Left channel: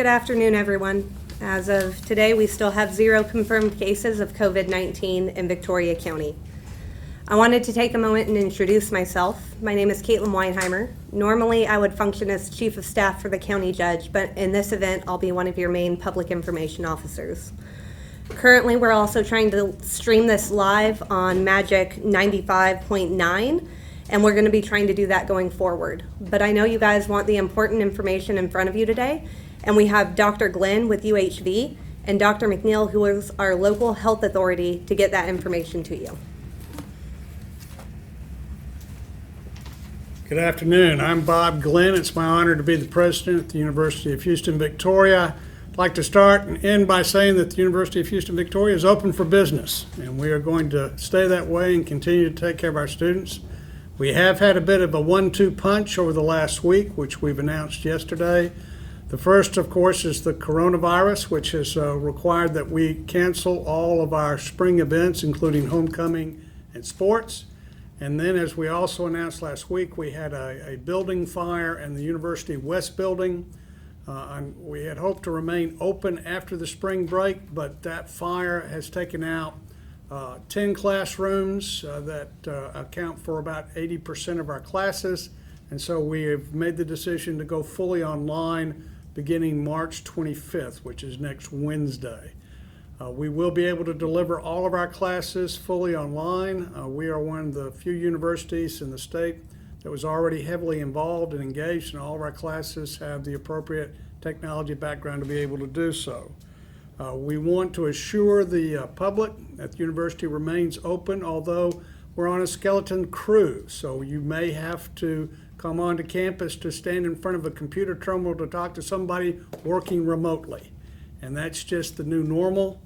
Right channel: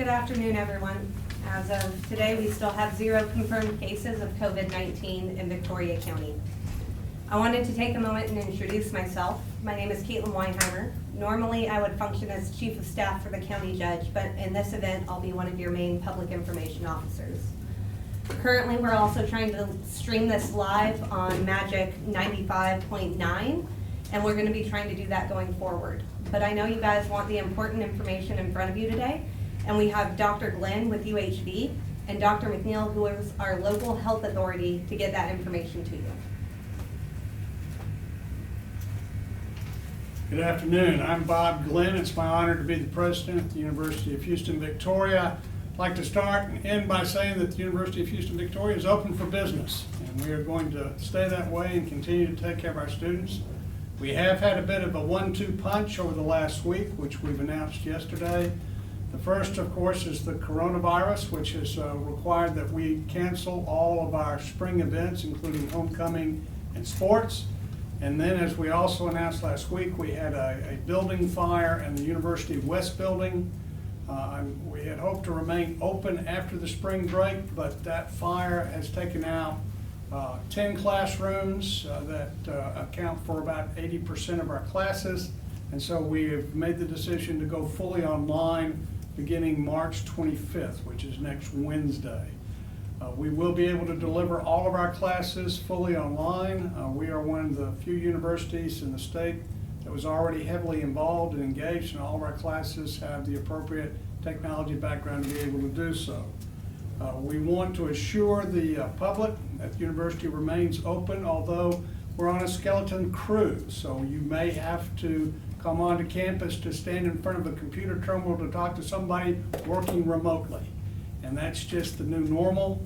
Good afternoon, everyone. As of today, we still have 0 confirmed cases of COVID-19 in Victoria County. I wanted to take a moment and introduce myself. My name is Caitlin Weinheimer. Normally, I would function as Chief of Staff for the County Judge, but in this event, I'll be one of your main public information officers. Currently, we're also trying to stream this live on Magic 95.9, and we're going to be trying to do that going forward. But I know you guys want the important information in front of you today, and we have Dr. Glynn with UHV and Dr. McNeil, who is our local health authority, to get that information to you. Good afternoon. I'm Bob Glynn. It's my honor to be the president at the University of Houston, Victoria. I'd like to start and end by saying that the University of Houston, Victoria is open for business, and we are going to stay that way and continue to take care of our students. We have had a bit of a 1-2 punch over the last week, which we've announced yesterday. The first, of course, is the coronavirus, which has required that we cancel all of our spring events, including homecoming and sports. And then, as we also announced last week, we had a building fire in the University West building. We had hoped to remain open after the spring break, but that fire has taken out 10 classrooms that account for about 80% of our classes. And so we have made the decision to go fully online beginning March 25th, which is next Wednesday. We will be able to deliver all of our classes fully online. We are one of the few universities in the state that was already heavily involved and engaged, and all of our classes have the appropriate technology background to be able to do so. We want to assure the public that the university remains open, although we're on a skeleton crew, so you may have to come onto campus to stand in front of a computer terminal to talk to somebody working remotely. And that's just the new normal.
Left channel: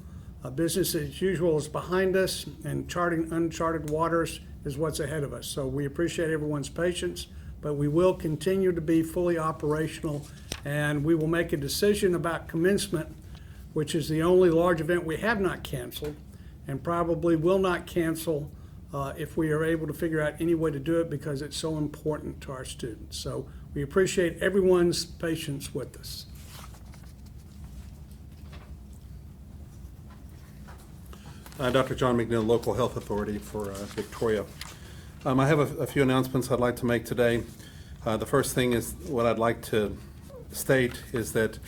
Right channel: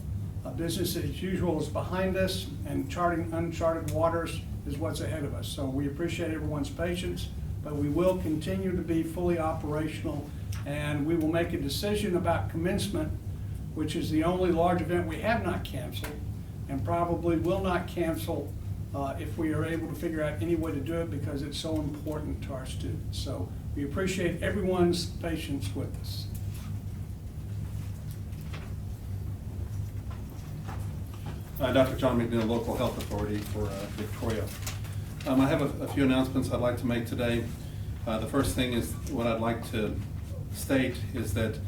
Business as usual is behind us, and charting uncharted waters is what's ahead of us. So we appreciate everyone's patience, but we will continue to be fully operational, and we will make a decision about commencement, which is the only large event we have not canceled, and probably will not cancel if we are able to figure out any way to do it, because it's so important to our students. So we appreciate everyone's patience with us. Dr. John McNeil, Local Health Authority for Victoria. I have a few announcements I'd like to make today. The first thing is what I'd like to state is that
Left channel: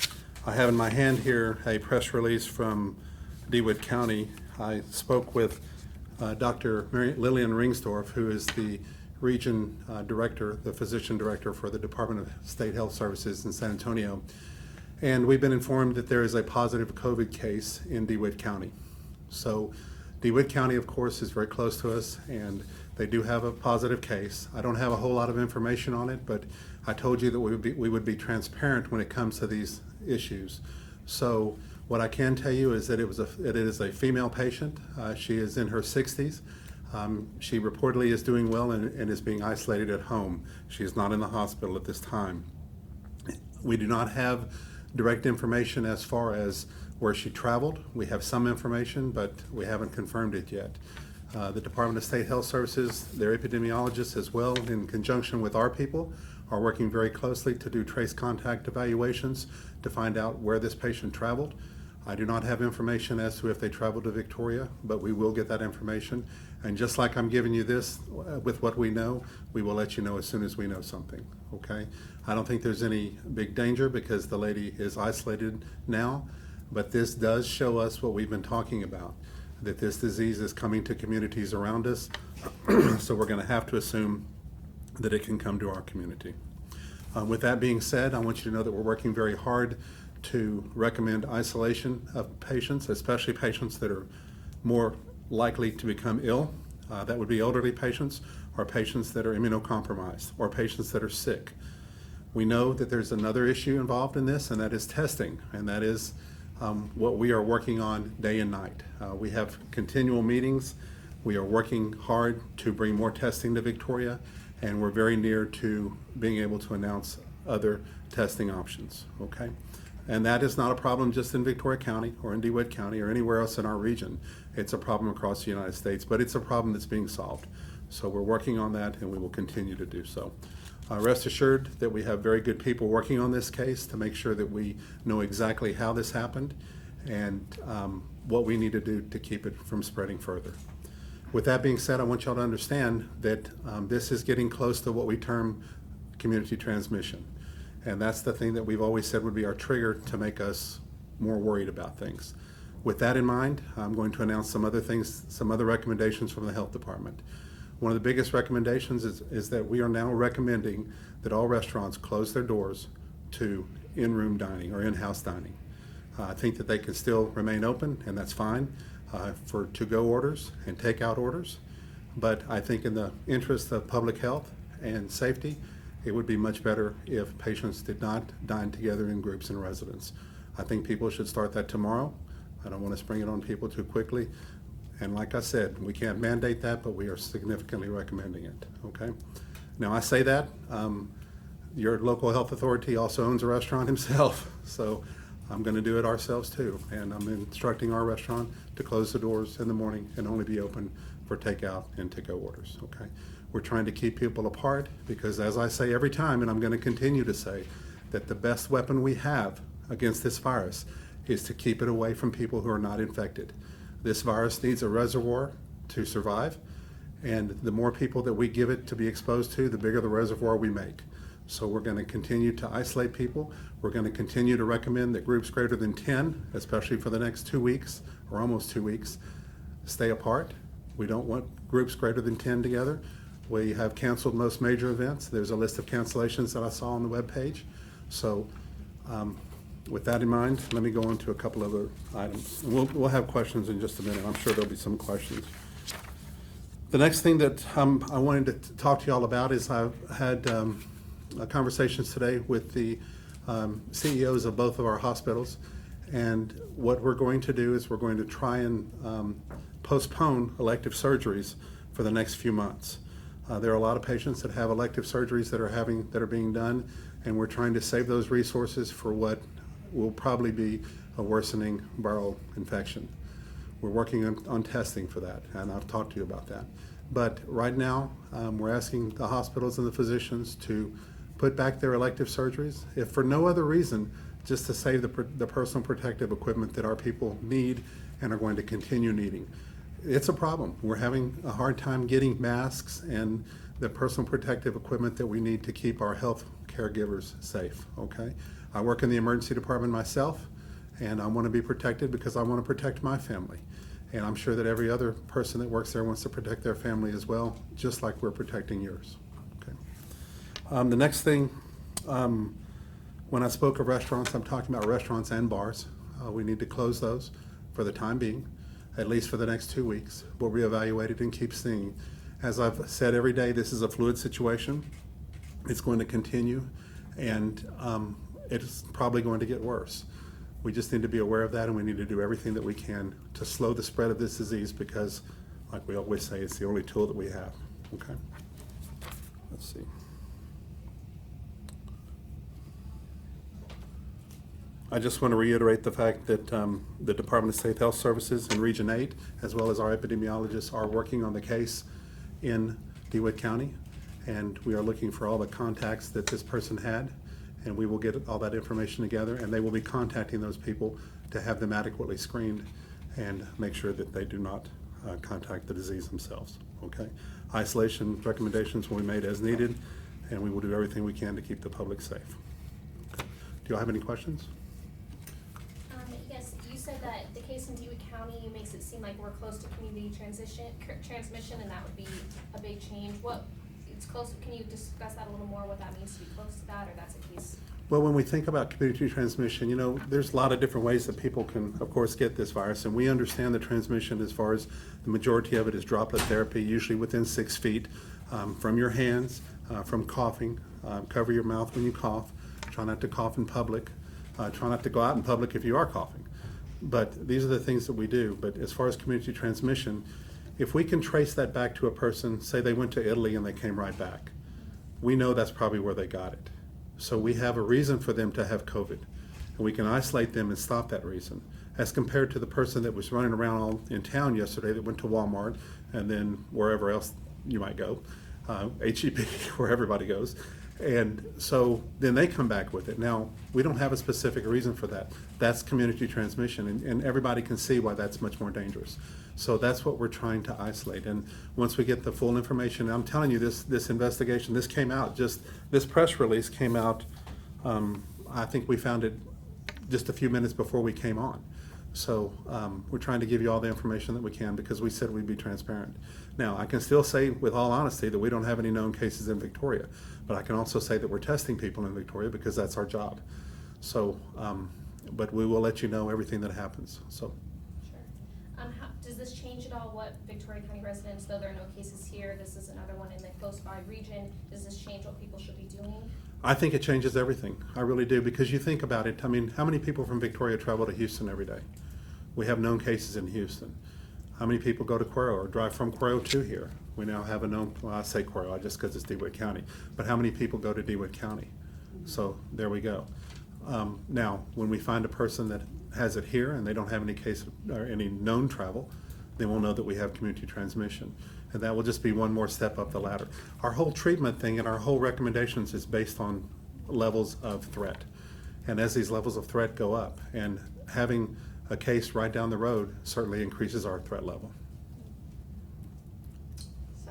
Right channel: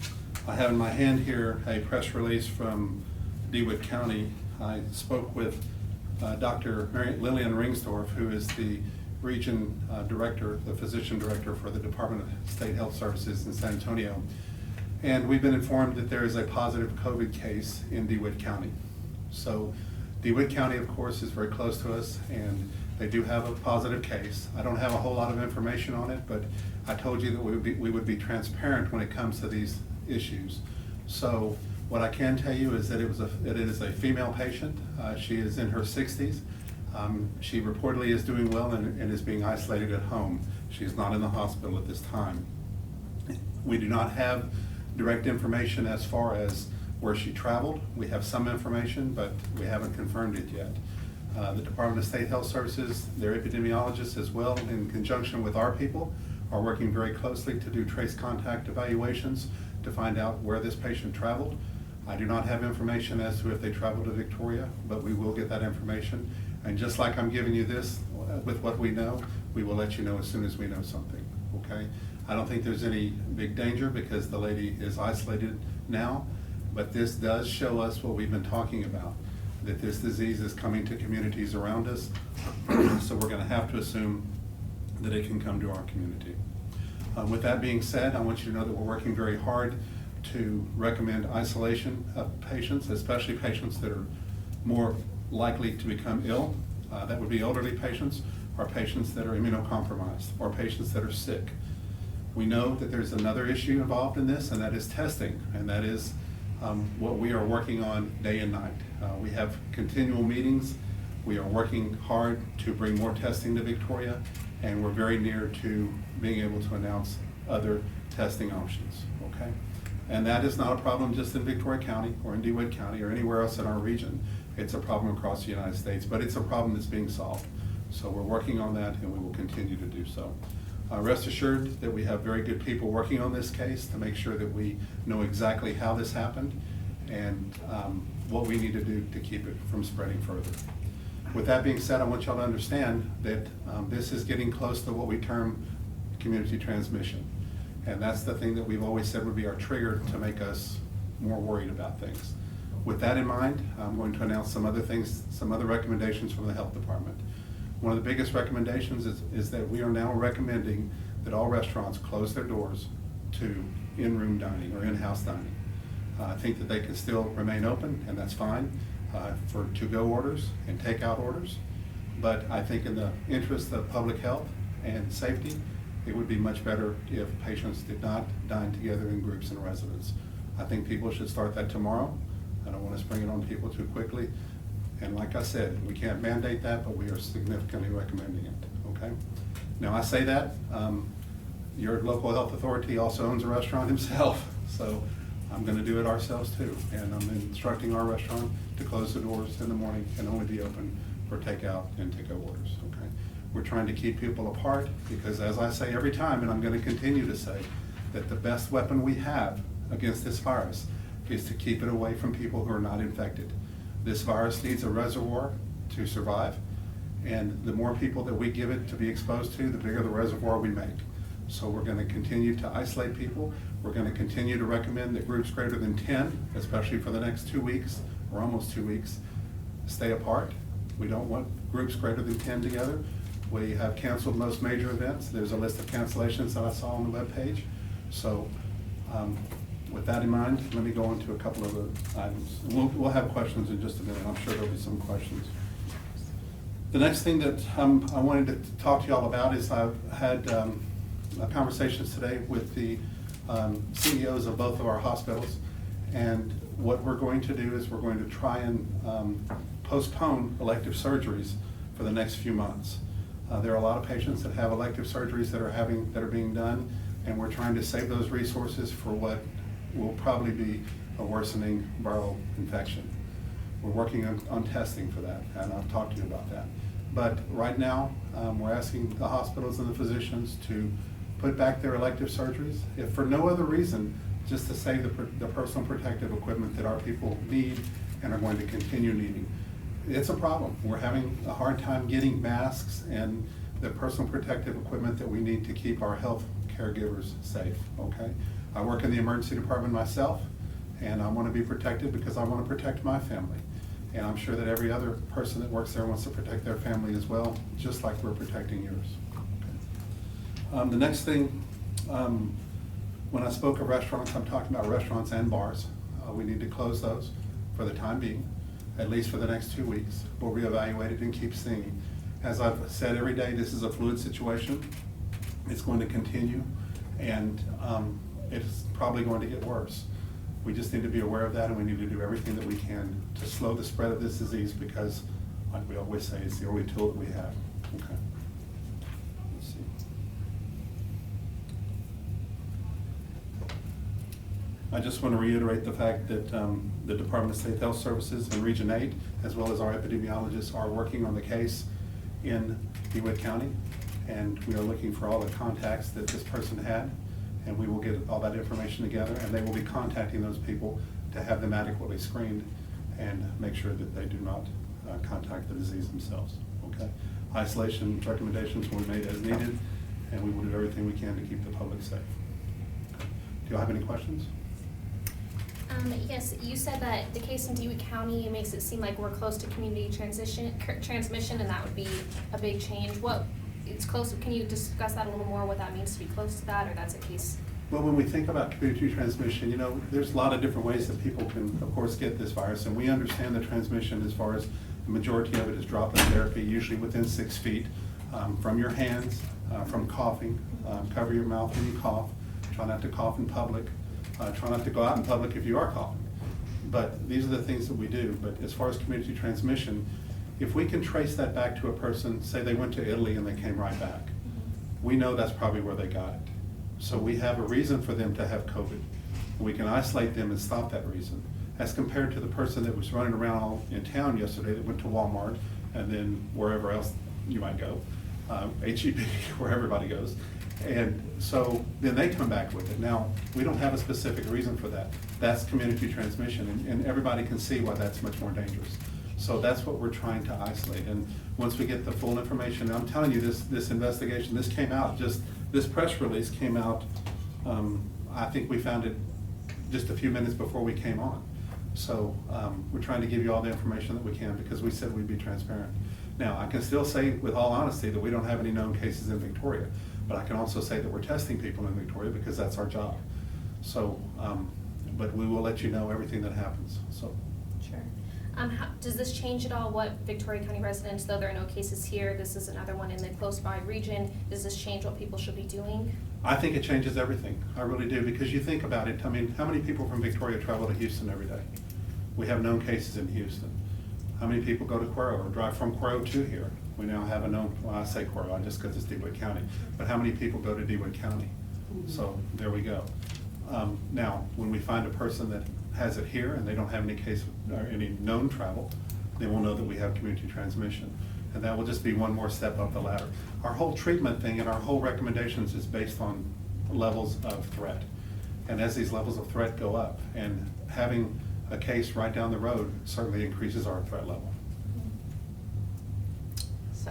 I have in my hand here a press release from DeWitt County. I spoke with Dr. Lillian Ringsdorf, who is the region director, the physician director for the Department of State Health Services in San Antonio. And we've been informed that there is a positive COVID case in DeWitt County. So DeWitt County, of course, is very close to us, and they do have a positive case. I don't have a whole lot of information on it, but I told you that we would be transparent when it comes to these issues. So what I can tell you is that it is a female patient. She is in her 60s. She reportedly is doing well and is being isolated at home. She is not in the hospital at this time. We do not have direct information as far as where she traveled. We have some information, but we haven't confirmed it yet. The Department of State Health Services, their epidemiologists as well, in conjunction with our people, are working very closely to do trace contact evaluations to find out where this patient traveled. I do not have information as to if they traveled to Victoria, but we will get that information. And just like I'm giving you this with what we know, we will let you know as soon as we know something, okay? I don't think there's any big danger because the lady is isolated now, but this does show us what we've been talking about, that this disease is coming to communities around us. So we're going to have to assume that it can come to our community. With that being said, I want you to know that we're working very hard to recommend isolation of patients, especially patients that are more likely to become ill. That would be elderly patients, or patients that are immunocompromised, or patients that are sick. We know that there's another issue involved in this, and that is testing, and that is what we are working on day and night. We have continual meetings. We are working hard to bring more testing to Victoria, and we're very near to being able to announce other testing options, okay? And that is not a problem just in Victoria County or in DeWitt County or anywhere else in our region. It's a problem across the United States, but it's a problem that's being solved. So we're working on that, and we will continue to do so. Rest assured that we have very good people working on this case to make sure that we know exactly how this happened and what we need to do to keep it from spreading further. With that being said, I want y'all to understand that this is getting close to what we term community transmission. And that's the thing that we've always said would be our trigger to make us more worried about things. With that in mind, I'm going to announce some other things, some other recommendations from the health department. One of the biggest recommendations is that we are now recommending that all restaurants close their doors to in-room dining or in-house dining. I think that they can still remain open, and that's fine for to-go orders and takeout orders. But I think in the interest of public health and safety, it would be much better if patients did not dine together in groups in residence. I think people should start that tomorrow. I don't want to spring it on people too quickly. And like I said, we can't mandate that, but we are significantly recommending it, okay? Now I say that, your local health authority also owns a restaurant himself, so I'm gonna do it ourselves too. And I'm instructing our restaurant to close the doors in the morning and only be open for takeout and to-go orders, okay? We're trying to keep people apart because, as I say every time, and I'm gonna continue to say, that the best weapon we have against this virus is to keep it away from people who are not infected. This virus needs a reservoir to survive, and the more people that we give it to be exposed to, the bigger the reservoir we make. So we're going to continue to isolate people. We're going to continue to recommend that groups greater than 10, especially for the next 2 weeks, or almost 2 weeks, stay apart. We don't want groups greater than 10 together. We have canceled most major events. There's a list of cancellations that I saw on the webpage. So with that in mind, let me go on to a couple of other items. We'll have questions in just a minute. I'm sure there'll be some questions. The next thing that I wanted to talk to you all about is I've had conversations today with the CEOs of both of our hospitals. And what we're going to do is we're going to try and postpone elective surgeries for the next few months. There are a lot of patients that have elective surgeries that are being done, and we're trying to save those resources for what will probably be a worsening viral infection. We're working on testing for that, and I've talked to you about that. But right now, we're asking the hospitals and the physicians to put back their elective surgeries, if for no other reason, just to save the personal protective equipment that our people need and are going to continue needing. It's a problem. We're having a hard time getting masks and the personal protective equipment that we need to keep our health caregivers safe, okay? I work in the emergency department myself, and I want to be protected because I want to protect my family. And I'm sure that every other person that works there wants to protect their family as well, just like we're protecting yours. Okay. The next thing, when I spoke of restaurants, I'm talking about restaurants and bars. We need to close those for the time being, at least for the next 2 weeks. We'll reevaluate it and keep seeing. As I've said every day, this is a fluid situation. It's going to continue, and it's probably going to get worse. We just need to be aware of that, and we need to do everything that we can to slow the spread of this disease because, like we always say, it's the only tool that we have. Okay. Let's see. I just want to reiterate the fact that the Department of State Health Services in Region 8, as well as our epidemiologists, are working on the case in DeWitt County, and we are looking for all the contacts that this person had, and we will get all that information together, and they will be contacting those people to have them adequately screened and make sure that they do not contact the disease themselves, okay? Isolation recommendations will be made as needed, and we will do everything we can to keep the public safe. Do you all have any questions? Yes, you said that the case in DeWitt County makes it seem like we're close to community transmission, and that would be a big change. It's close. Can you discuss that a little more, what that means to be close to that, or that's a case? Well, when we think about community transmission, you know, there's a lot of different ways that people can, of course, get this virus, and we understand the transmission as far as the majority of it is droplet therapy, usually within 6 feet, from your hands, from coughing. Cover your mouth when you cough. Try not to cough in public. Try not to go out in public if you are coughing. But these are the things that we do. But as far as community transmission, if we can trace that back to a person, say they went to Italy and they came right back, we know that's probably where they got it. So we have a reason for them to have COVID. And we can isolate them and stop that reason. As compared to the person that was running around all in town yesterday that went to Walmart and then wherever else you might go, HEB, where everybody goes, And so then they come back with it. Now, we don't have a specific reason for that. That's community transmission, and everybody can see why that's much more dangerous. So that's what we're trying to isolate. And once we get the full information, I'm telling you, this investigation, this came out, this press release came out, I think we found it just a few minutes before we came on. So we're trying to give you all the information that we can because we said we'd be transparent. Now, I can still say with all honesty that we don't have any known cases in Victoria, but I can also say that we're testing people in Victoria because that's our job. So, but we will let you know everything that happens, so. Sure. Does this change at all what Victoria County residents, though there are no cases here, this is another one in the close by region, does this change what people should be doing? I think it changes everything. I really do, because you think about it, I mean, how many people from Victoria travel to Houston every day? We have known cases in Houston. How many people go to Cuero or drive from Cuero to here? We now have a known, well, I say Cuero just because it's DeWitt County, but how many people go to DeWitt County? So there we go. Now, when we find a person that has it here and they don't have any case or any known travel, then we'll know that we have community transmission. And that will just be one more step up the ladder. Our whole treatment thing and our whole recommendations is based on levels of threat. And as these levels of threat go up, and having a case right down the road certainly increases our threat level. So,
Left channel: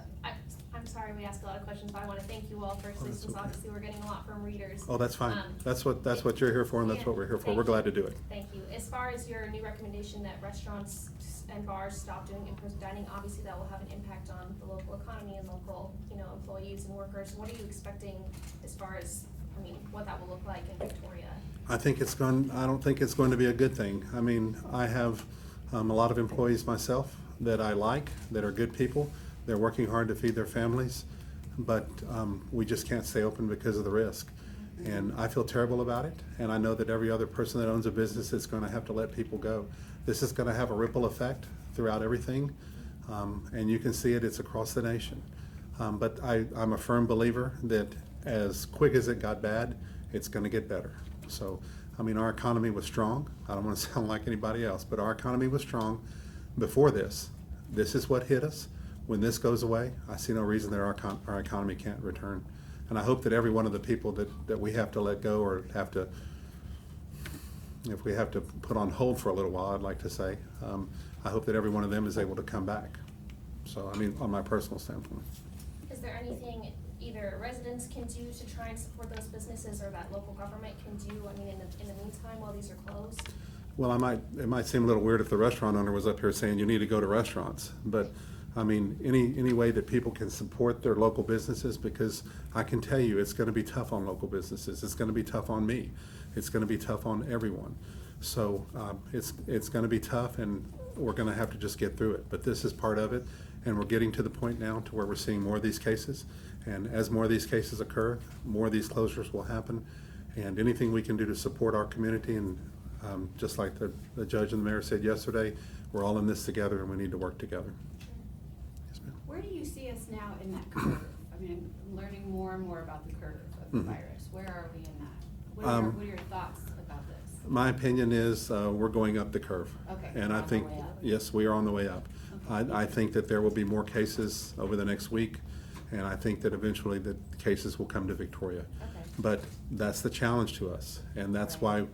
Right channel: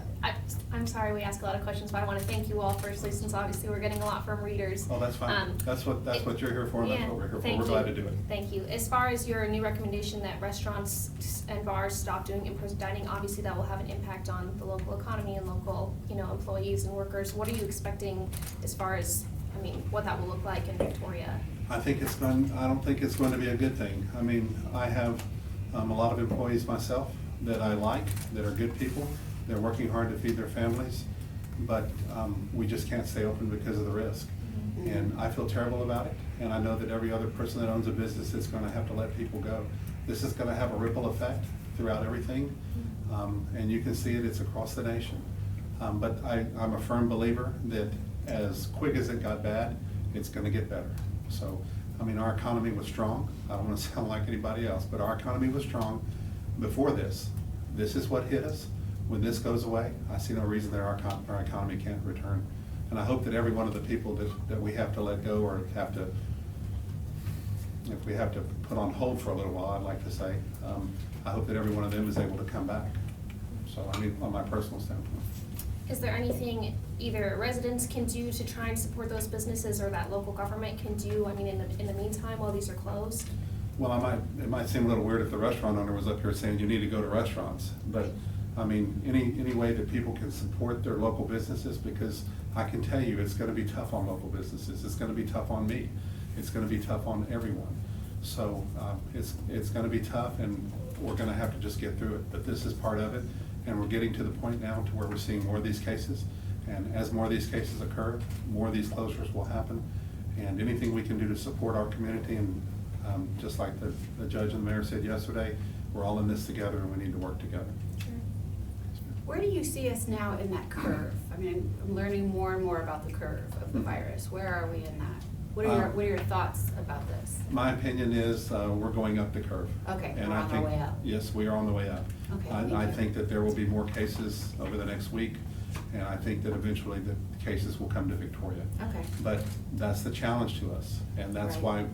I'm sorry we ask a lot of questions, but I want to thank you all firstly, since obviously we're getting a lot from readers. Oh, that's fine. That's what you're here for, and that's yeah, what we're here for. thank We're you. glad to do it. Thank you. As far as your new recommendation that restaurants and bars stop doing in-person dining, obviously that will have an impact on the local economy and local, employees and workers. What are you expecting as far as, what that will look like in Victoria? I don't think it's going to be a good thing. I mean, I have a lot of employees myself that I like, that are good people. They're working hard to feed their families, but we just can't stay open because of the risk. And I feel terrible about it, and I know that every other person that owns a business is going to have to let people go. This is going to have a ripple effect throughout everything, and you can see it's across the nation. But I'm a firm believer that as quick as it got bad, it's going to get better. So, our economy was strong. I don't want to sound like anybody else, but our economy was strong before this. This is what hit us. When this goes away, I see no reason that our economy can't return. And I hope that every one of the people that we have to let go or if we have to put on hold for a little while, I'd like to say, I hope that every one of them is able to come back. So, on my personal standpoint. Is there anything either residents can do to try and support those businesses or that local government can do, in the meantime while these are closed? Well, it might seem a little weird if the restaurant owner was up here saying you need to go to restaurants, but any way that people can support their local businesses, because I can tell you it's going to be tough on local businesses. It's going to be tough on me. It's going to be tough on everyone. So it's going to be tough, and we're going to have to just get through it. But this is part of it, and we're getting to the point now to where we're seeing more of these cases. And as more of these cases occur, more of these closures will happen. And anything we can do to support our community, and just like the judge and the mayor said yesterday, we're all in this together and we need to work together. Sure. Yes, ma'am. Where do you see us now in that curve? I'm learning more and more about the curve of the virus. Where are we in that? What are your thoughts about this? My opinion is we're going up the curve. Okay, And we're I on the think, way up. yes, we are on the way up. Okay, I think that there will be more cases over the next week, and I think that eventually the cases will come to Victoria. Okay. But that's the challenge to us, and that's Right.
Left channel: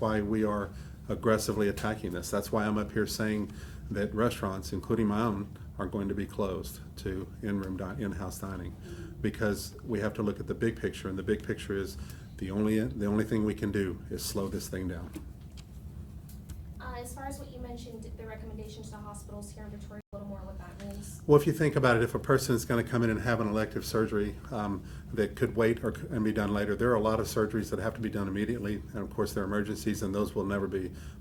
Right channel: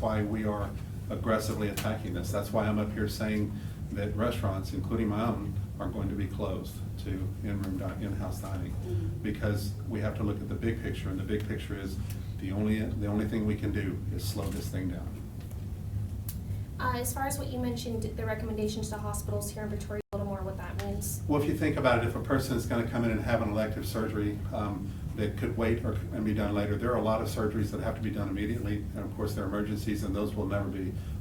why we are aggressively attacking this. That's why I'm up here saying that restaurants, including my own, are going to be closed to in-house dining, because we have to look at the big picture, and the big picture is the only thing we can do is slow this thing down. As far as what you mentioned, the recommendations to hospitals here in Victoria, a little more what that means. Well, if you think about it, if a person is going to come in and have an elective surgery that could wait and be done later, there are a lot of surgeries that have to be done immediately, and of course they're emergencies, and those will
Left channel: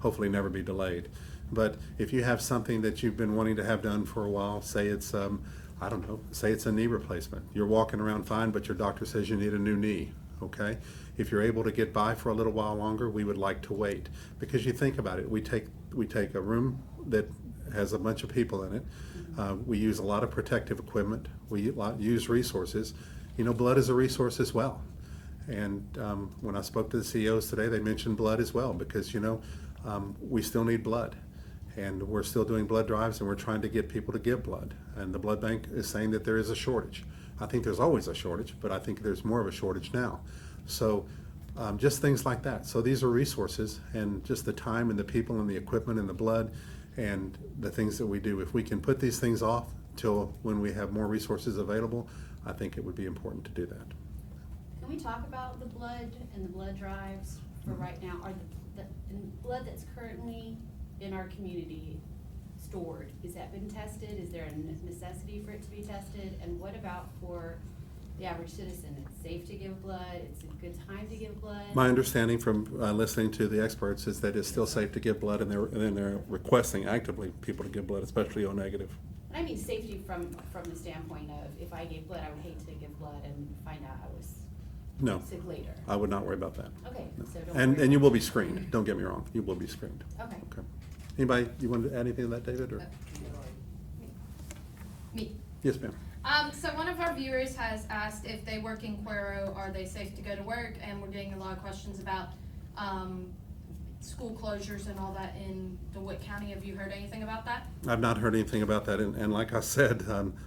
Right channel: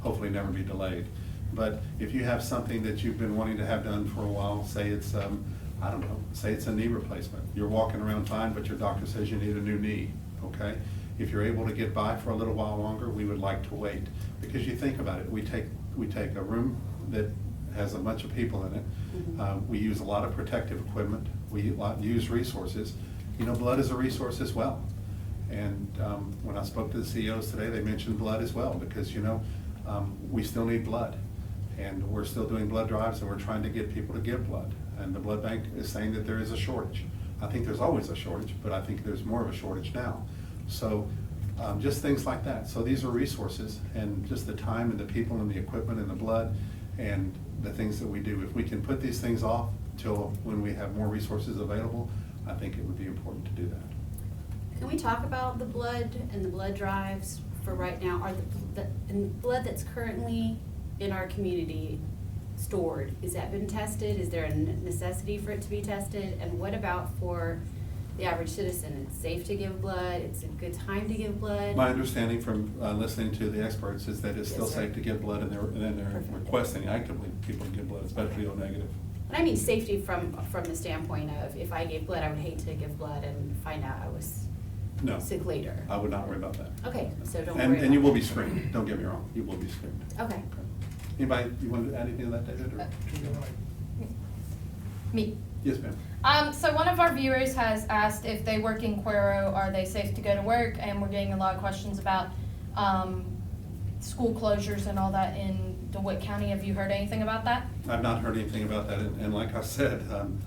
hopefully never be delayed. But if you have something that you've been wanting to have done for a while, say it's say it's a knee replacement. You're walking around fine, but your doctor says you need a new knee, okay? If you're able to get by for a little while longer, we would like to wait. Because you think about it, we take a room that has a bunch of people in it. We use a lot of protective equipment. We use resources. Blood is a resource as well. And when I spoke to the CEOs today, they mentioned blood as well, because we still need blood. And we're still doing blood drives, and we're trying to get people to give blood. And the blood bank is saying that there is a shortage. I think there's always a shortage, but I think there's more of a shortage now. So just things like that. So these are resources, and just the time and the people and the equipment and the blood and the things that we do. If we can put these things off till when we have more resources available, I think it would be important to do that. Can we talk about the blood and the blood drives for right now? Are the blood that's currently in our community stored, has that been tested? Is there a necessity for it to be tested? And what about for the average citizen? It's safe to give blood, it's a good time to give blood? My understanding from listening to the experts is that it's still Yes, sir. safe to give blood, and they're requesting actively people to give blood, especially O negative. And I mean safety from the standpoint of, if I gave blood, I would hate to give blood and find out I was No, sick later. I would not worry about that. Okay, so don't worry And about you will that. be screened, don't get me wrong, you will be screened. Okay. Okay. Anybody, you want to add anything to that, David? Or? Me. Yes, ma'am. So one of our viewers has asked if they work in Cuero, are they safe to go to work? And we're getting a lot of questions about school closures and all that in DeWitt County. Have you heard anything about that? I've not heard anything about that, and like I said,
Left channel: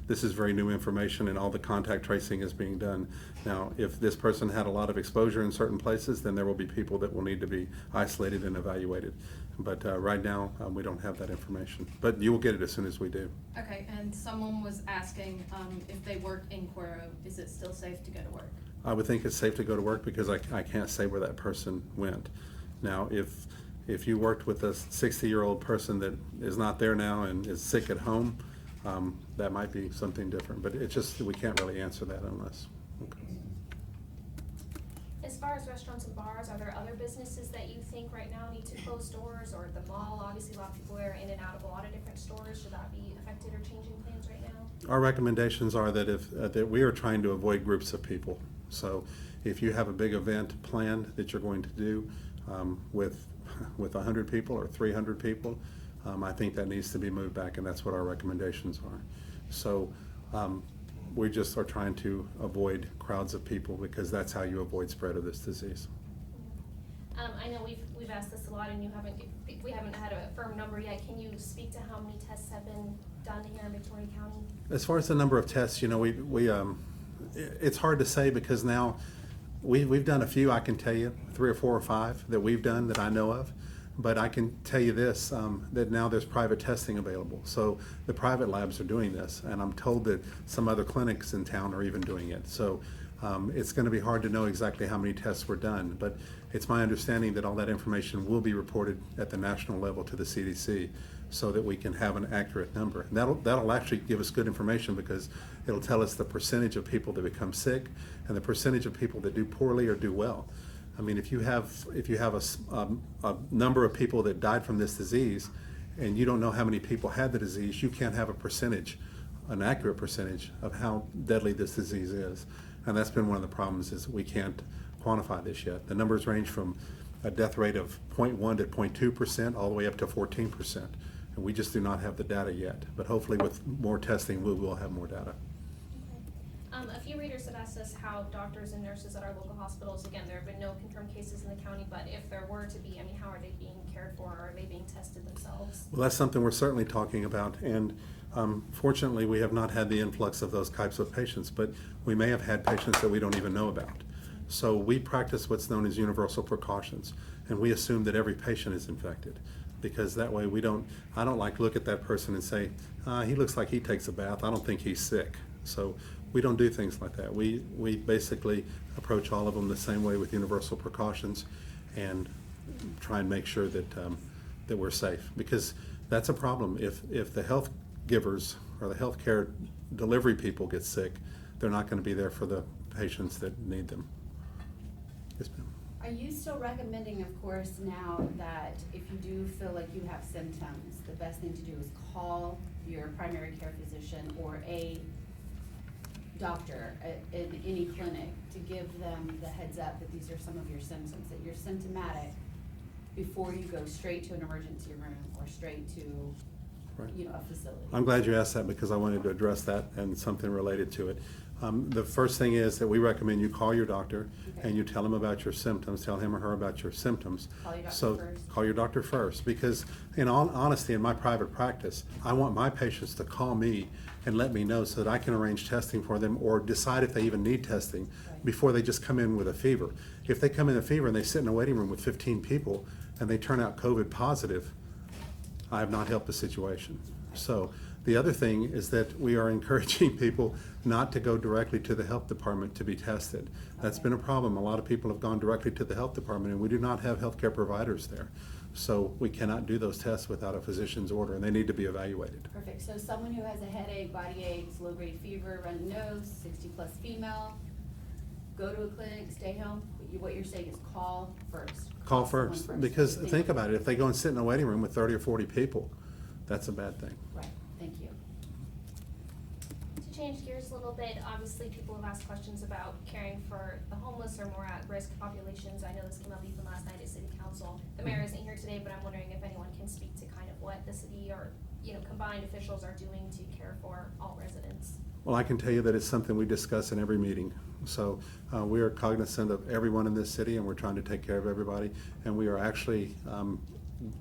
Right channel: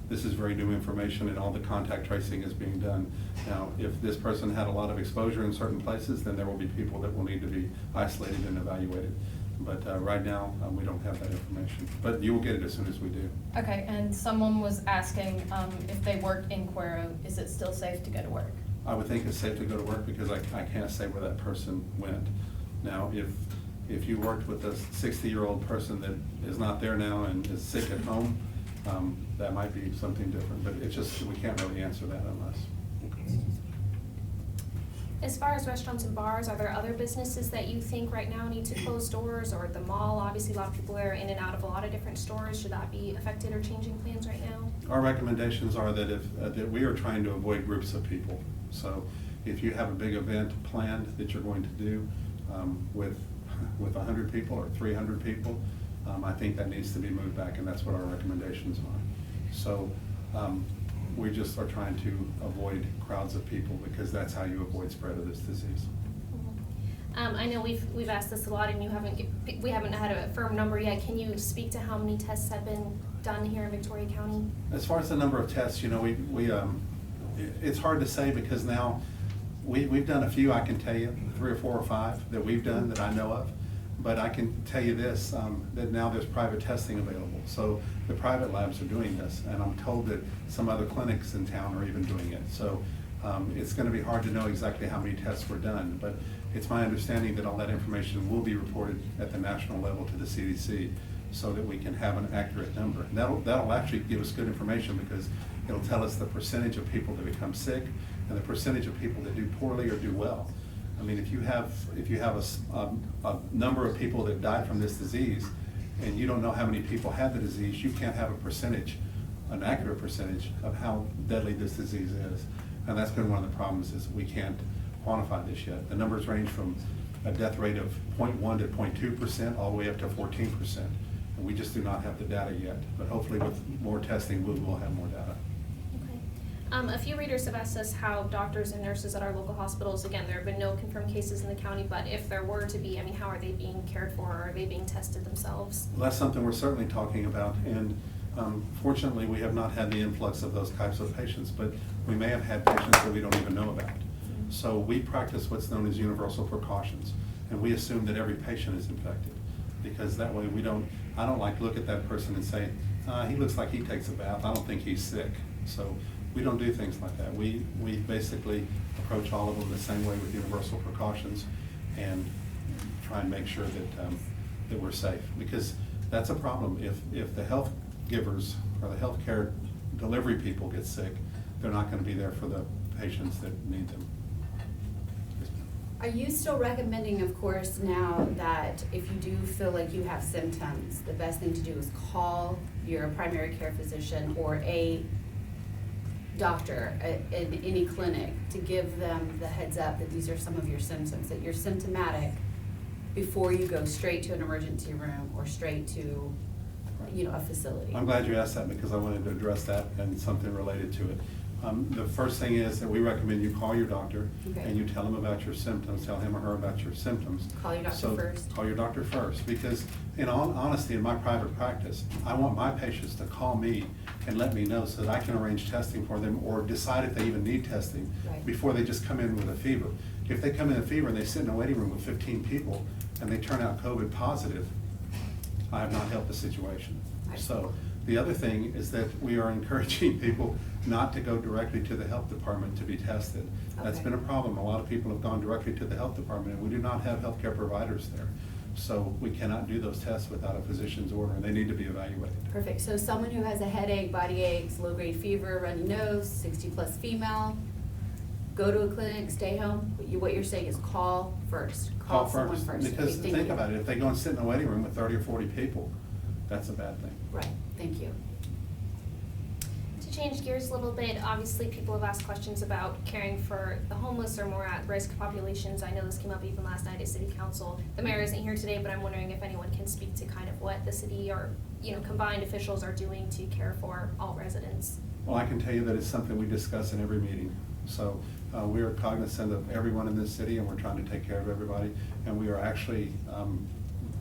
this is very new information, and all the contact tracing is being done. Now, if this person had a lot of exposure in certain places, then there will be people that will need to be isolated and evaluated. But right now, we don't have that information. But you will get it as soon as we do. Okay, and someone was asking if they work in Cuero, is it still safe to go to work? I would think it's safe to go to work because I can't say where that person went. Now, if you worked with a 60-year-old person that is not there now and is sick at home, that might be something different. But it's just, we can't really answer that unless. As far as restaurants and bars, are there other businesses that you think right now need to close doors, or the mall? Obviously, a lot of people are in and out of a lot of different stores. Should that be affected or changing plans right now? Our recommendations are that that we are trying to avoid groups of people. So if you have a big event planned that you're going to do with 100 people or 300 people, I think that needs to be moved back, and that's what our recommendations are. So we just are trying to avoid crowds of people because that's how you avoid spread of this disease. I know we've asked this a lot, and we haven't had a firm number yet. Can you speak to how many tests have been done here in Victoria County? As far as the number of tests, you know, it's hard to say because now we've done a few. I can tell you 3 or 4 or 5 that we've done that I know of. But I can tell you this, that now there's private testing available. So the private labs are doing this, and I'm told that some other clinics in town are even doing it. So it's going to be hard to know exactly how many tests were done, but it's my understanding that all that information will be reported at the national level to the CDC so that we can have an accurate number. And that'll actually give us good information because it'll tell us the percentage of people that become sick and the percentage of people that do poorly or do well. I mean, if you have a number of people that died from this disease and you don't know how many people had the disease, you can't have a percentage, an accurate percentage of how deadly this disease is. And that's been one of the problems, is we can't quantify this yet. The numbers range from a death rate of 0.1 to 0.2% all the way up to 14%. And we just do not have the data yet. But hopefully with more testing, we will have more data. A few readers have asked us how doctors and nurses at our local hospitals, again, there have been no confirmed cases in the county, but if there were to be, I mean, how are they being cared for, or are they being tested themselves? Well, that's something we're certainly talking about, and fortunately, we have not had the influx of those types of patients, but we may have had patients that we don't even know about. So we practice what's known as universal precautions, and we assume that every patient is infected, because that way I don't like to look at that person and say, he looks like he takes a bath, I don't think he's sick. So we don't do things like that. We basically approach all of them the same way with universal precautions and try and make sure that we're safe, because that's a problem. If the health givers or the healthcare delivery people get sick, they're not going to be there for the patients that need them. Yes, ma'am. Are you still recommending, of course, now that if you do feel like you have symptoms, the best thing to do is call your primary care physician or a doctor in any clinic to give them the heads up that these are some of your symptoms, that you're symptomatic before you go straight to an emergency room or straight to, Right. a facility? I'm glad you asked that because I wanted to address that and something related to it. The first thing is that we recommend you call your doctor Okay. and you tell him about your symptoms, tell him or her about your symptoms. Call your doctor So, first. call your doctor first, because in all honesty, in my private practice, I want my patients to call me and let me know so that I can arrange testing for them or decide if they even need testing Right. before they just come in with a fever. If they come in with a fever and they sit in a waiting room with 15 people and they turn out COVID positive, I have not helped the situation. So, the other thing is that we are encouraging people not to go directly to the health department to be tested. That's Okay. been a problem. A lot of people have gone directly to the health department, and we do not have healthcare providers there. So we cannot do those tests without a physician's order, and they need to be evaluated. Perfect, so someone who has a headache, body aches, low-grade fever, runny nose, 60-plus female, go to a clinic, stay home. What you're saying is call first. Call someone first, because Thank think you. about it, if they go and sit in a waiting room with 30 or 40 people, that's a bad thing. Right, thank you. To change gears a little bit, obviously people have asked questions about caring for the homeless or more at-risk populations. I know this came up even last night at city council. The mayor isn't here today, but I'm wondering if anyone can speak to kind of what the city or, combined officials are doing to care for all residents. Well, I can tell you that it's something we discuss in every meeting. So we are cognizant of everyone in this city, and we're trying to take care of everybody. And we are actually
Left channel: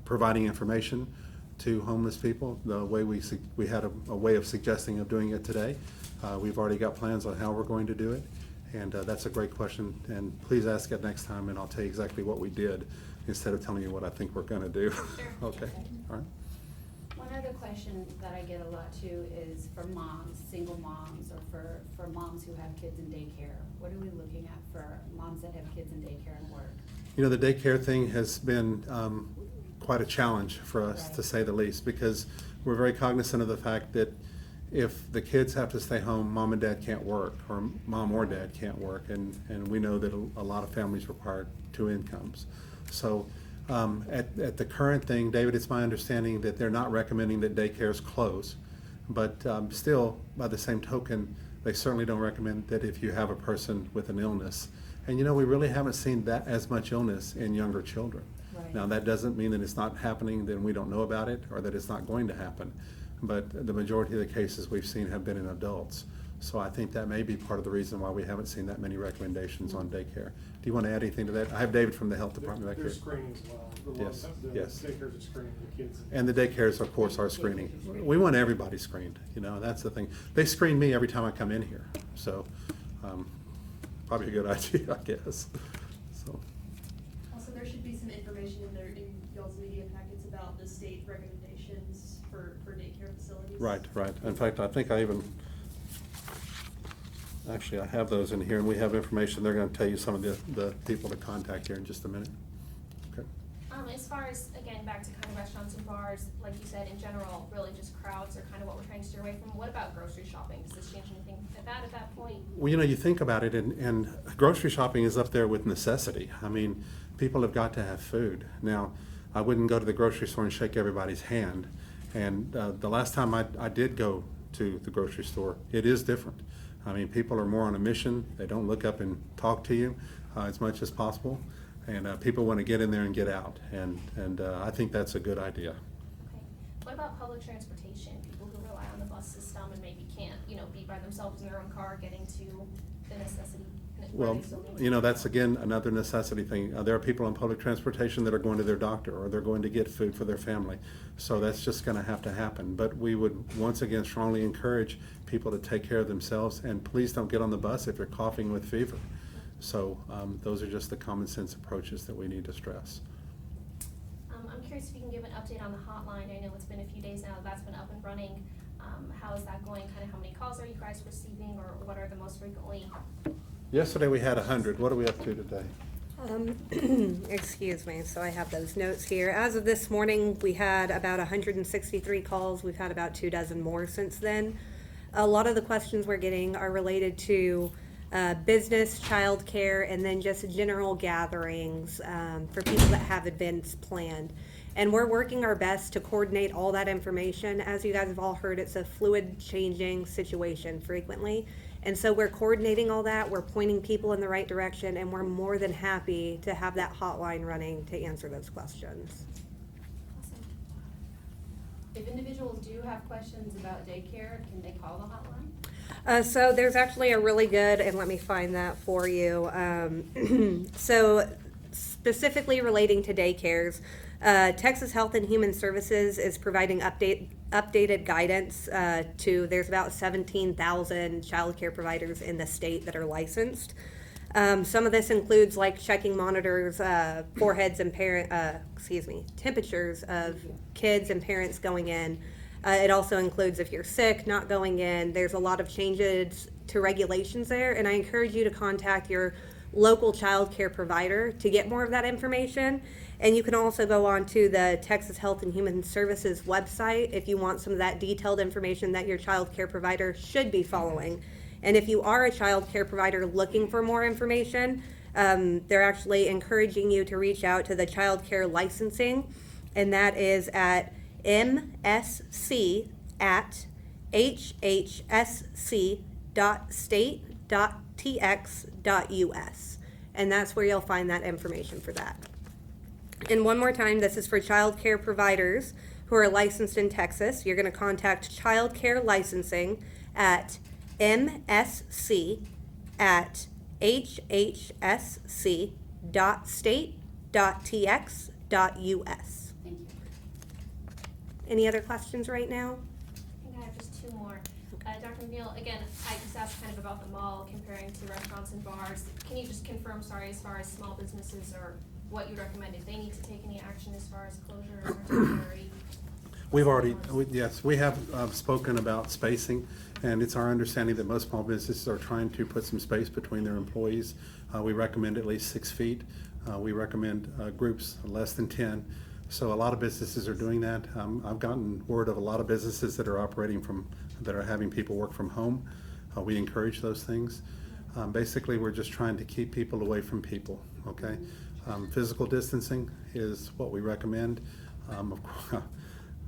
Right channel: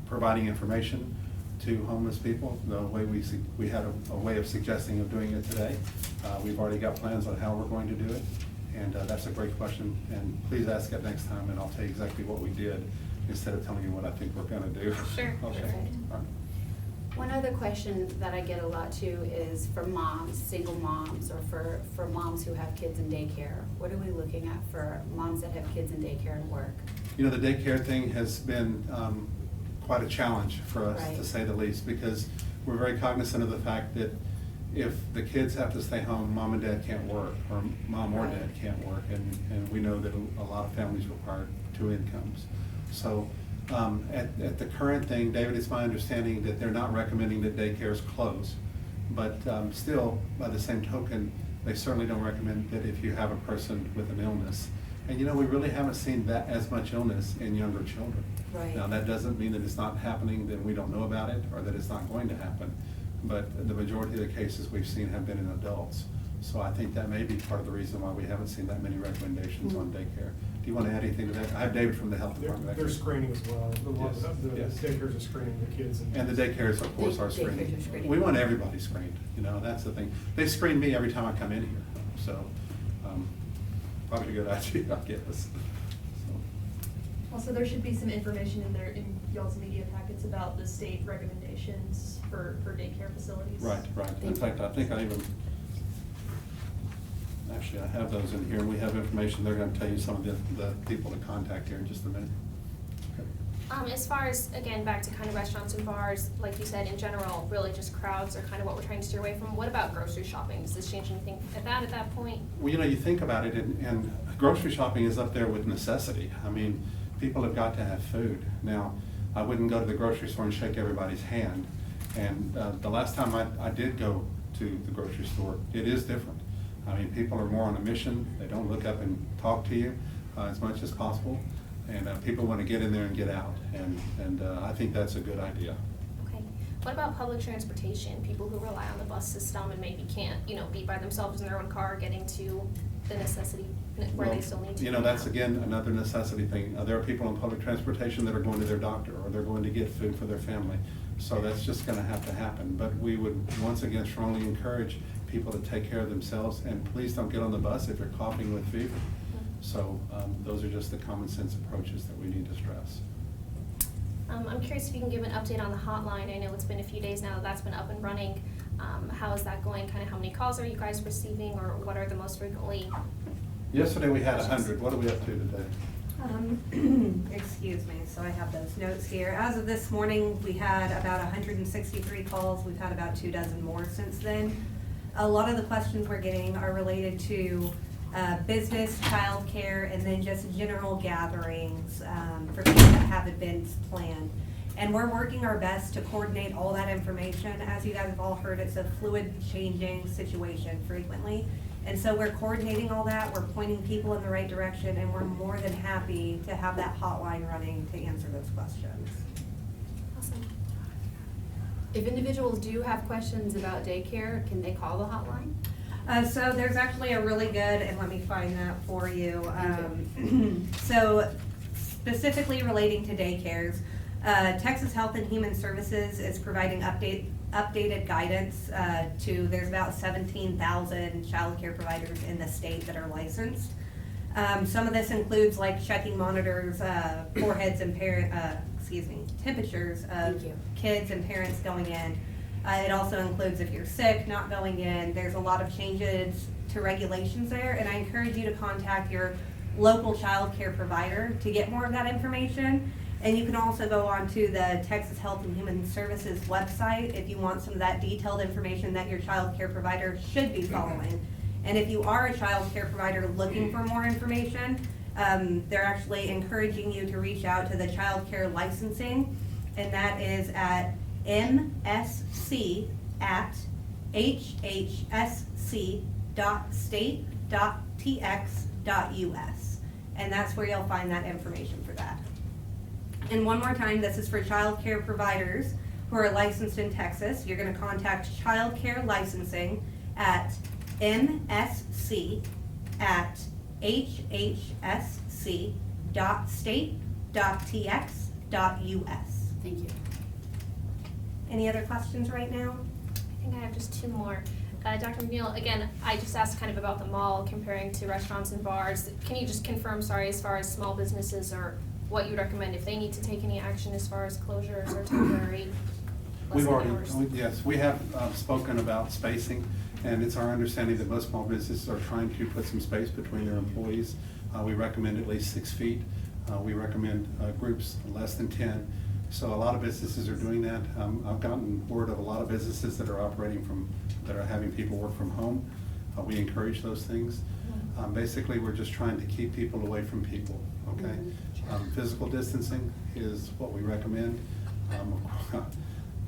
providing information to homeless people. The way we had a way of suggesting of doing it today. We've already got plans on how we're going to do it. And that's a great question. And please ask it next time, and I'll tell you exactly what we did instead of telling you what I think we're going to do. Sure. Okay. All right. One other question that I get a lot too is for moms, single moms, or for moms who have kids in daycare. What are we looking at for moms that have kids in daycare and work? You know, the daycare thing has been quite a challenge for us, Right. to say the least, because we're very cognizant of the fact that if the kids have to stay home, mom and dad can't work, or mom or dad can't work, and we know that a lot of families require two incomes. So at the current thing, David, it's my understanding that they're not recommending that daycares close, but still, by the same token, they certainly don't recommend that if you have a person with an illness. And we really haven't seen that as much illness in younger children. Right. Now, that doesn't mean that it's not happening, that we don't know about it, or that it's not going to happen. But the majority of the cases we've seen have been in adults. So I think that may be part of the reason why we haven't seen that many recommendations on daycare. Do you want to add anything to that? I have David from the health department back here. They're screening as well. Yes, yes. The daycares are screening the kids. And the daycares, of course, are Daycares are screening. screening. We want everybody screened, that's the thing. They screen me every time I come in here, so probably a good idea, I guess. So. Also, there should be some information in there in y'all's media packets about the state recommendations for daycare facilities. Right. In fact, I think actually, I have those in here, and we have information. They're gonna tell you some of the people to contact here in just a minute. Okay. As far as, again, back to kind of restaurants and bars, like you said, in general, really just crowds are kind of what we're trying to steer away from. What about grocery shopping? Does this change anything at that point? Well, you think about it, and grocery shopping is up there with necessity. I mean, people have got to have food. Now, I wouldn't go to the grocery store and shake everybody's hand. And the last time I did go to the grocery store, it is different. I mean, people are more on a mission. They don't look up and talk to you as much as possible. And people want to get in there and get out. And I think that's a good idea. Okay. What about public transportation? People who rely on the bus system and maybe can't, be by themselves in their own car getting to the necessity where they still need to. That's again another necessity thing. There are people on public transportation that are going to their doctor, or they're going to get food for their family. So that's just going to have to happen. But we would once again strongly encourage people to take care of themselves, and please don't get on the bus if you're coughing with fever. So those are just the common sense approaches that we need to stress. I'm curious if you can give an update on the hotline. I know it's been a few days now that's been up and running. How is that going? Kind of how many calls are you guys receiving, or what are the most frequently? Yesterday we had 100. What are we up to today? Excuse me, so I have those notes here. As of this morning, we had about 163 calls. We've had about 24 more since then. A lot of the questions we're getting are related to business, childcare, and then just general gatherings for people that have events planned. And we're working our best to coordinate all that information. As you guys have all heard, it's a fluid, changing situation frequently. And so we're coordinating all that, we're pointing people in the right direction, and we're more than happy to have that hotline running to answer those questions. Awesome. If individuals do have questions about daycare, can they call the hotline? So there's actually a really good, and let me find that for you. So specifically relating to daycares, Texas Health and Human Services is providing updated guidance there's about 17,000 childcare providers in the state that are licensed. Some of this includes like checking monitors, foreheads and temperatures of Thank you. kids and parents going in. It also includes if you're sick, not going in. There's a lot of changes to regulations there, and I encourage you to contact your local child care provider to get more of that information. And you can also go on to the Texas Health and Human Services website if you want some of that detailed information that your child care provider should be following. And if you are a child care provider looking for more information, they're actually encouraging you to reach out to the child care licensing, and that is at msc@hhsc.state.tx.us, and that's where you'll find that information for that. And one more time, this is for child care providers who are licensed in Texas. You're going to contact child care licensing at msc@hhsc.state.tx.us. Thank you. Any other questions right now? I think I have just two more. Dr. McNeil, again, I just asked kind of about the mall comparing to restaurants and bars. Can you just confirm, as far as small businesses or what you recommend if they need to take any action as far as closures or temporary? We have spoken about spacing, and it's our understanding that most small businesses are trying to put some space between their employees. We recommend at least 6 feet. We recommend groups less than 10. So a lot of businesses are doing that. I've gotten word of a lot of businesses that are that are having people work from home. We encourage those things. Basically, we're just trying to keep people away from people, okay? Physical distancing is what we recommend.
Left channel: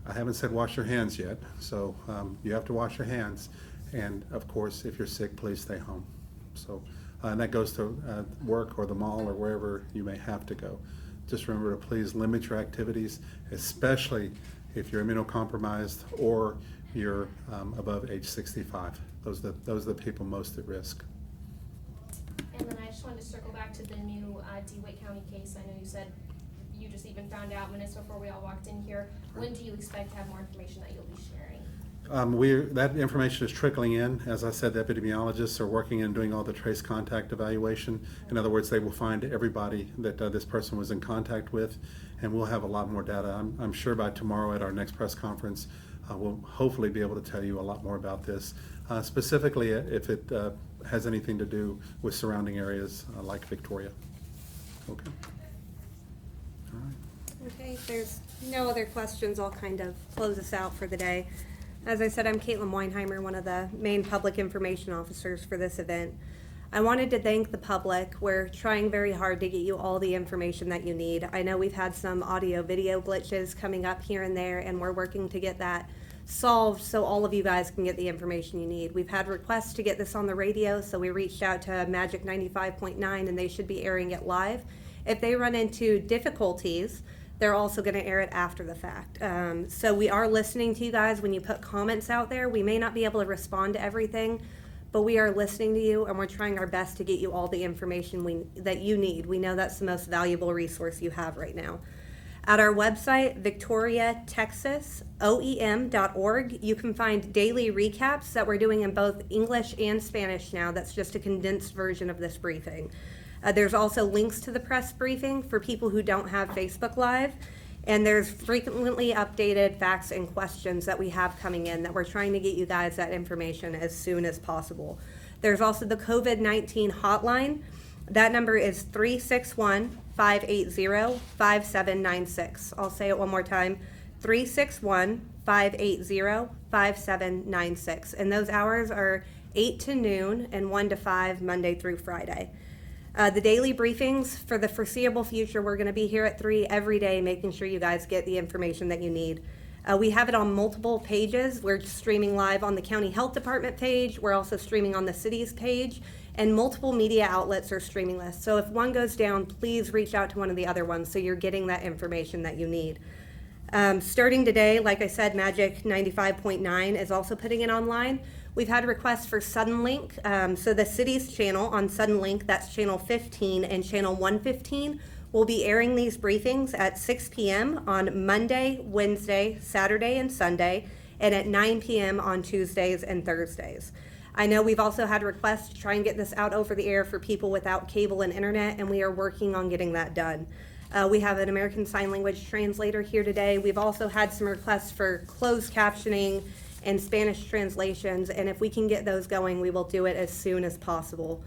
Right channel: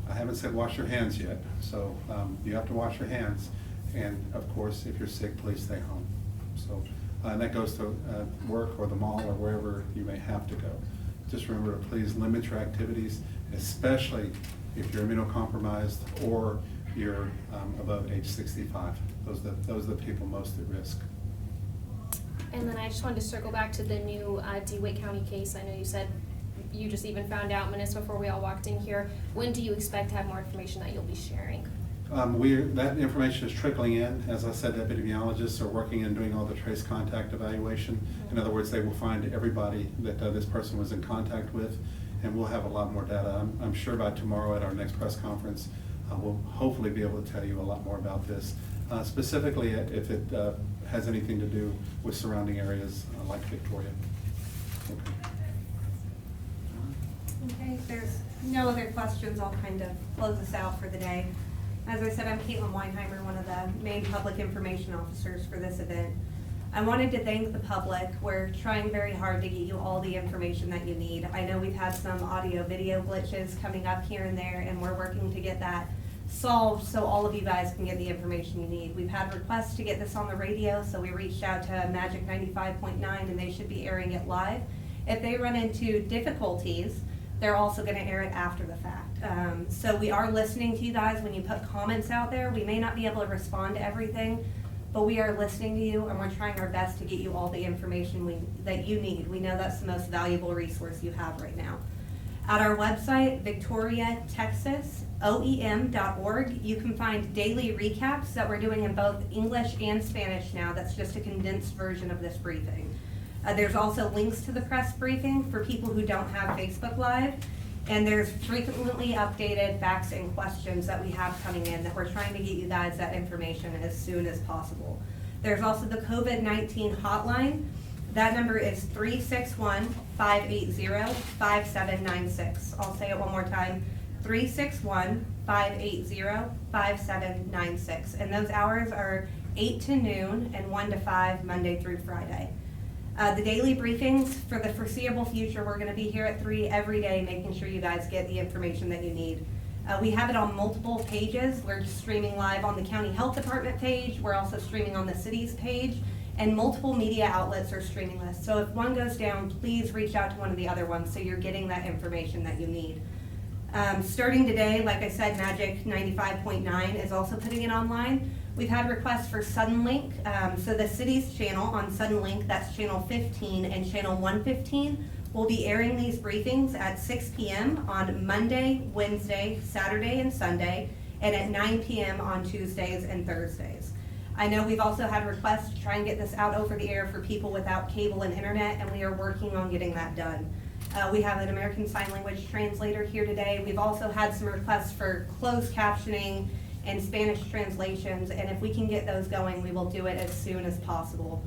I haven't said wash your hands yet, so you have to wash your hands. And of course, if you're sick, please stay home. So, and that goes to work or the mall or wherever you may have to go. Just remember to please limit your activities, especially if you're immunocompromised or you're above age 65. Those are the people most at risk. And then I just wanted to circle back to the new DeWitt County case. I know you said you just even found out minutes before we all walked in here. When do you expect to have more information that you'll be sharing? That information is trickling in. As I said, epidemiologists are working and doing all the trace contact evaluation. In other words, they will find everybody that this person was in contact with, and we'll have a lot more data. I'm sure by tomorrow at our next press conference, we'll hopefully be able to tell you a lot more about this. Specifically, if it has anything to do with surrounding areas like Victoria. Okay. Okay, if there's no other questions, I'll kind of close us out for the day. As I said, I'm Caitlin Weinheimer, one of the main public information officers for this event. I wanted to thank the public. We're trying very hard to get you all the information that you need. I know we've had some audio-video glitches coming up here and there, and we're working to get that solved so all of you guys can get the information you need. We've had requests to get this on the radio, so we reached out to Magic 95.9, and they should be airing it live. If they run into difficulties, they're also going to air it after the fact. So we are listening to you guys when you put comments out there. We may not be able to respond to everything, but we are listening to you, and we're trying our best to get you all the information that you need. We know that's the most valuable resource you have right now. At our website, victoriatexasoem.org, you can find daily recaps that we're doing in both English and Spanish now. That's just a condensed version of this briefing. There's also links to the press briefing for people who don't have Facebook Live, and there's frequently updated facts and questions that we have coming in that we're trying to get you guys that information as soon as possible. There's also the COVID-19 hotline. That number is 361-580-5796. I'll say it one more time, 361-580-5796. And those hours are 8 to noon and 1 to 5, Monday through Friday. The daily briefings for the foreseeable future, we're going to be here at 3 every day, making sure you guys get the information that you need. We have it on multiple pages. We're streaming live on the County Health Department page. We're also streaming on the city's page, and multiple media outlets are streaming this. So if one goes down, please reach out to one of the other ones so you're getting that information that you need. Starting today, like I said, Magic 95.9 is also putting it online. We've had requests for Suddenlink. So the city's channel on Suddenlink, that's channel 15 and channel 115, will be airing these briefings at 6 p.m. on Monday, Wednesday, Saturday, and Sunday, and at 9 p.m. on Tuesdays and Thursdays. I know we've also had requests to try and get this out over the air for people without cable and internet, and we are working on getting that done. We have an American Sign Language translator here today. We've also had some requests for closed captioning and Spanish translations, and if we can get those going, we will do it as soon as possible.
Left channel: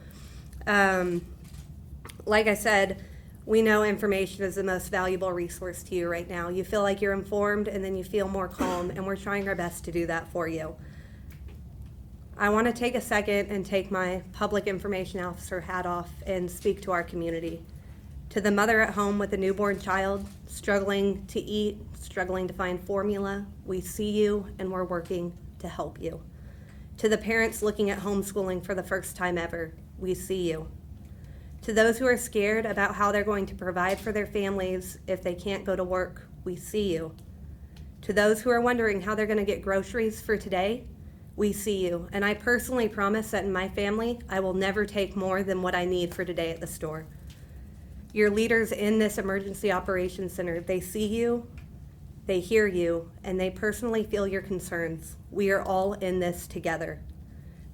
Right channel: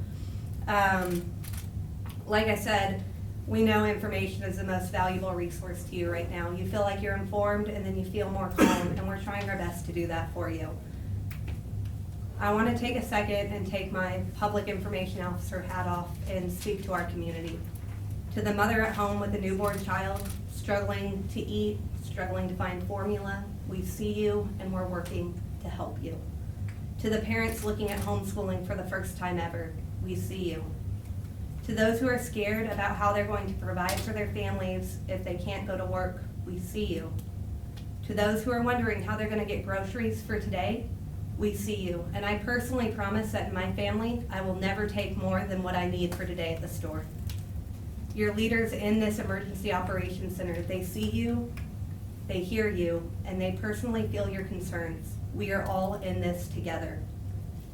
Like I said, we know information is the most valuable resource to you right now. You feel like you're informed, and then you feel more calm, and we're trying our best to do that for you. I want to take a second and take my public information officer hat off and speak to our community. To the mother at home with a newborn child, struggling to eat, struggling to find formula, we see you and we're working to help you. To the parents looking at homeschooling for the first time ever, we see you. To those who are scared about how they're going to provide for their families if they can't go to work, we see you. To those who are wondering how they're going to get groceries for today, we see you. And I personally promise that in my family, I will never take more than what I need for today at the store. Your leaders in this emergency operations center, they see you, they hear you, and they personally feel your concerns. We are all in this together.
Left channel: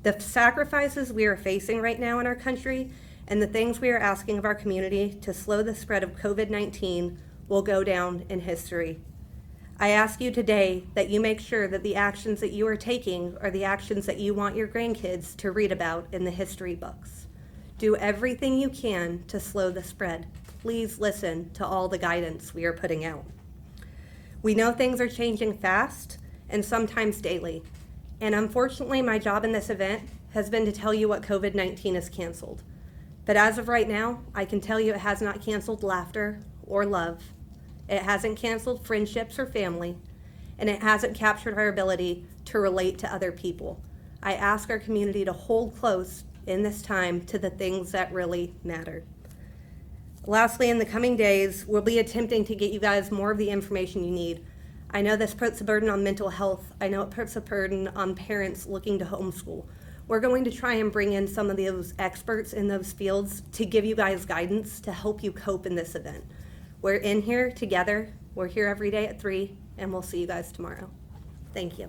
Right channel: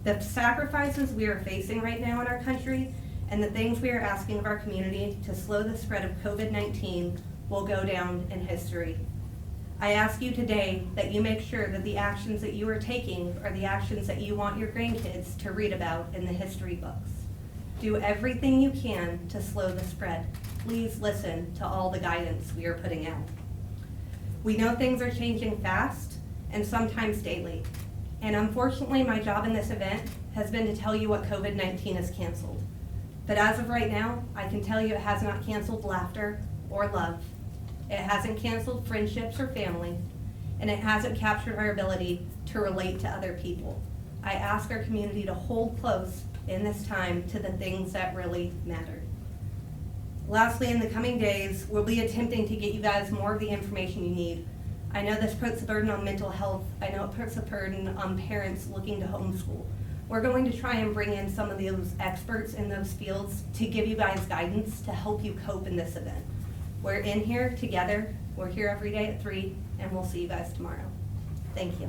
The sacrifices we are facing right now in our country and the things we are asking of our community to slow the spread of COVID-19 will go down in history. I ask you today that you make sure that the actions that you are taking are the actions that you want your grandkids to read about in the history books. Do everything you can to slow the spread. Please listen to all the guidance we are putting out. We know things are changing fast and sometimes daily. And unfortunately, my job in this event has been to tell you what COVID-19 has canceled. But as of right now, I can tell you it has not canceled laughter or love. It hasn't canceled friendships or family, and it hasn't captured our ability to relate to other people. I ask our community to hold close in this time to the things that really matter. Lastly, in the coming days, we'll be attempting to get you guys more of the information you need. I know this puts a burden on mental health. I know it puts a burden on parents looking to homeschool. We're going to try and bring in some of those experts in those fields to give you guys guidance to help you cope in this event. We're in here together. We're here every day at 3, and we'll see you guys tomorrow. Thank you.